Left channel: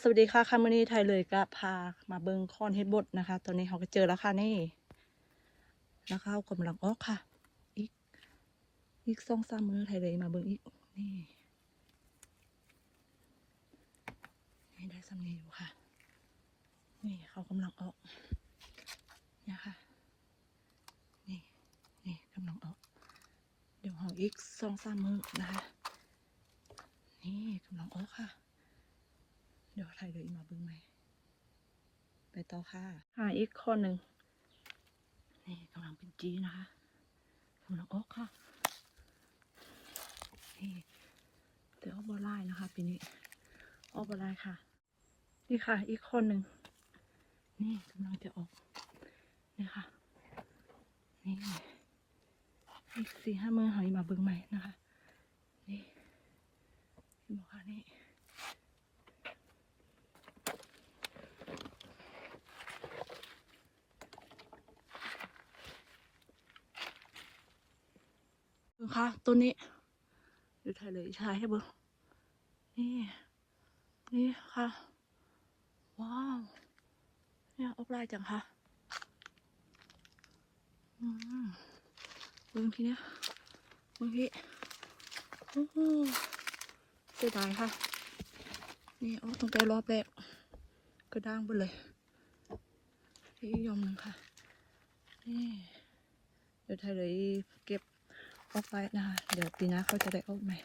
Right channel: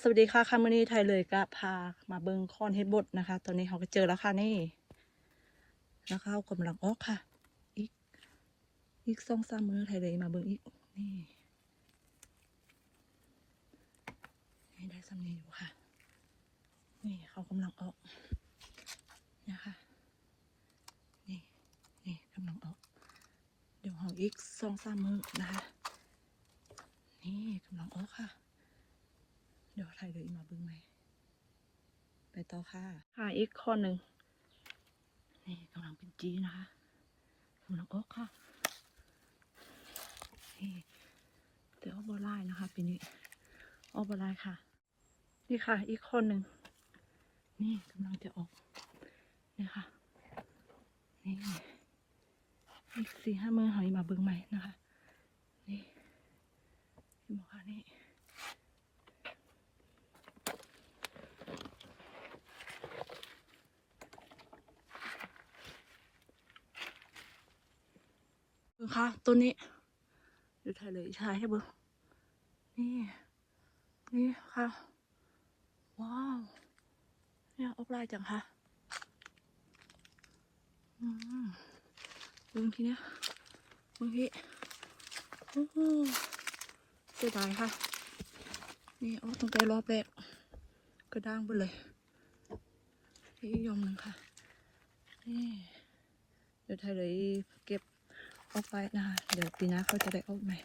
สวัสดีค่ะคามือนี้ไทยเลยก็พามาเบิงคอนเฮดบดนะคะ ตอนนี้เขาก็เจอแล้วค่ะนี่ แล้วเขากำลังออกค่ะ อีก อีกสองสามมือไทยเลยมาเบิงอีก นี่นี่ได้สำเนียงอยู่ค่ะ นี่เขากำลังออกเนี่ยค่ะนี่นี่กำลังออก เดี๋ยวเขาอีกสองสามมือนะคะ นี่กำลังออกค่ะ เดี๋ยวถ่ายเลยอีกมาเบึ้งไหมไปต่อค่ะหาอีกข้อหนึ่งนี่กำลังเป็นจีนะคะกำลังออกค่ะนี่เดี๋ยวออกบอลไลน์นะคะปีนี้ออกบอลไลน์ค่ะ นี่ค่ะ อีกคนหนึ่งนี่กำลังจะออกนี่ค่ะนี่อีกสี่ห้ามือหอยมาเบิ่งใหม่นะคะ นี่เห็นบอกค่ะนี่ เบิ่งค่ะต้นนี้เดี๋ยวถ่ายเลยถ่ายให้เบิ่งนี่ นี่ค่ะ ว้าว เนี่ยออกลายจังค่ะ อืมเบิ่งทีเนี้ยเบิ่งพี่โอ้โหเสียดายค่ะ นี่เอาตั้งแต่รอบแรกก็ด่างไปเลยนี่อีกยอมหนึ่งค่ะ นี่ เดี๋ยวไทยเลยเก็บ ออกไปนะคะ เดี๋ยวปีหน้าเขาจะได้ออกใหม่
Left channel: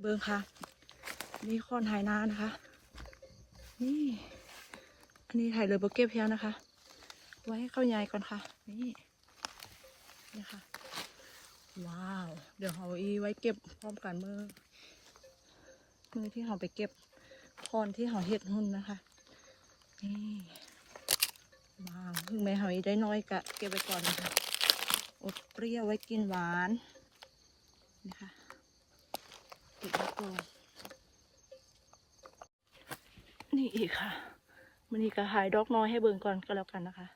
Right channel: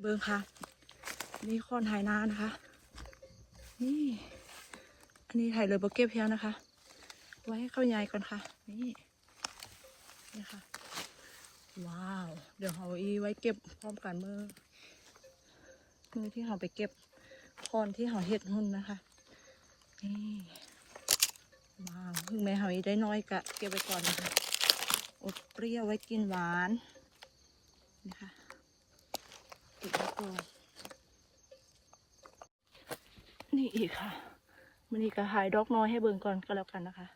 เบิ้งค่ะ นี่คอนไฮนานะคะ นี่ อันนี้ไทยเลยโบเก็บเพียนะคะ ไว้ให้เข้ายายก่อนค่ะ นี่นี่ค่ะ ว้าว เดี๋ยวเขาอีไว้เก็บพร้อมกันมือมือที่เขาไปเก็บคอนที่เขาเห็ดหุ่นนะคะ นี่ว้าวถึงแม้เขาอีได้น้อยกะเก็บไว้ก่อนนะคะ อุดเปรี้ยวไว้กินหวานนี่ค่ะเก็บไว้ก่อนนี่อีกค่ะมันนี่ก็หายดอกน้อยให้เบิ่งก่อนก็แล้วกันนะคะ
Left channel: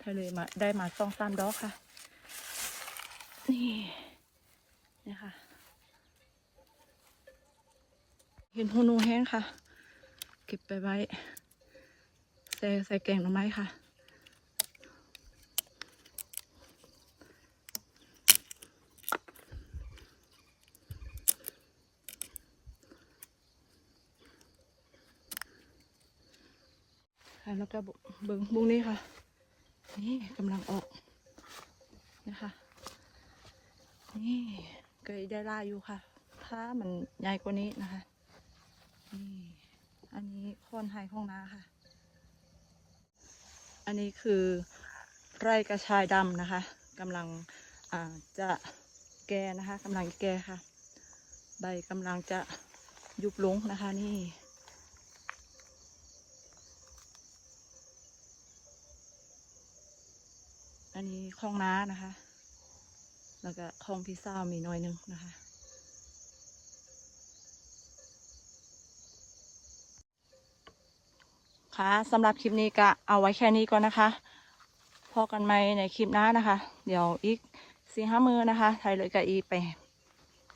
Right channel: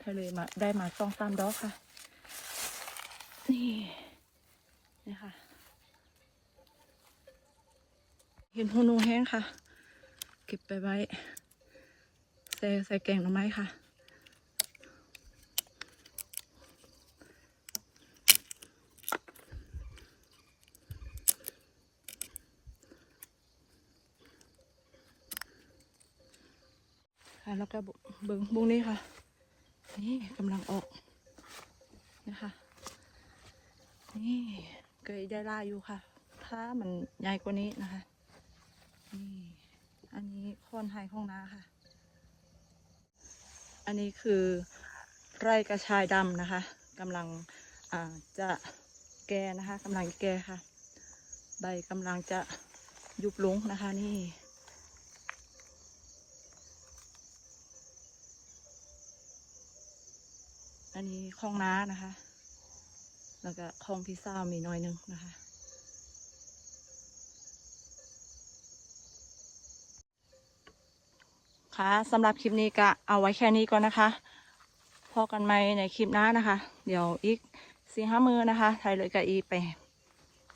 ทะเลยมาได้มาสองสามดอกค่ะ นี่นี่ค่ะเห็นหูนูแห้งค่ะ เก็บไปไว้ใส่ใส่แกงหน่อไม้ค่ะ ค่ะ แล้วก็เบิ้งบุ้งนี่ค่ะ นี่กำลังออกนะคะ นี่เกยได้ล่าอยู่ค่ะ ถ้ามันใหญ่กว่านี้นะคะ นี่ อันนี้โคนไฮของนาค่ะ อันนี้คือไร่กระชายดำนะคะกำลังอ่าจะแก่นะคะกำลังแก่ค่ะ ใบกำลังจะยุบลงนะคะนี่ อันนี้คลองน้านะคะ แล้วก็คลองพี่สาวมีน้อยหนึงนะคะ ค่ะสำหรับคลิปนี้ก็เอาไว้แค่นี้ก่อนนะคะพอกันไหมในคลิปหน้านะคะ เดี๋ยวอีกสี่ห้ามือนะคะไทยเลยกับอีไป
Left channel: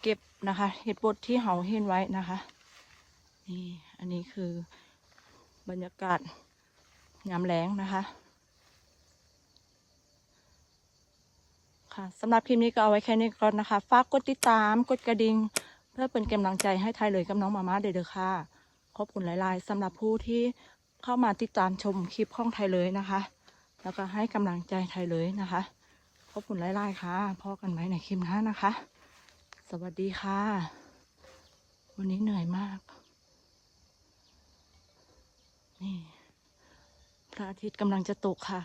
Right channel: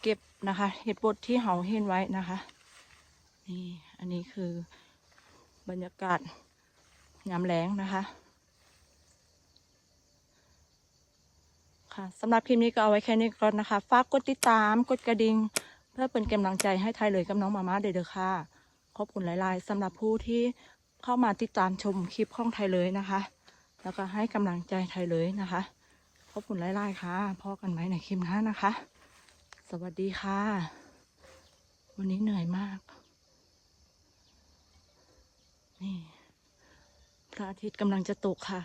เก็บนะคะ เห็ดบดที่เขาเห็นไว้นะคะ นี่ อันนี้คือบรรยากาศยามแล้งนะคะ ค่ะสำหรับคลิปนี้ก็เอาไว้แค่นี้ก่อนนะคะ ฝากกดติดตาม กดกระดิ่ง เพื่อเป็นกำลังใจให้ไทยเลยกับน้องมาม่าเด้อค่ะ ขอบคุณหลาย ๆสำหรับผู้ที่เข้ามาติดตามชมคลิปของไทยเลยนะคะ แล้วก็ให้กำลังใจไทยเลยนะคะ ขอบคุณหลาย ๆ ค่ะพอกันไหมในคลิปหน้านะคะ สวัสดีค่ะ วันนี้เหนื่อยมาก นี่พระอาทิตย์กำลังจะตกค่ะ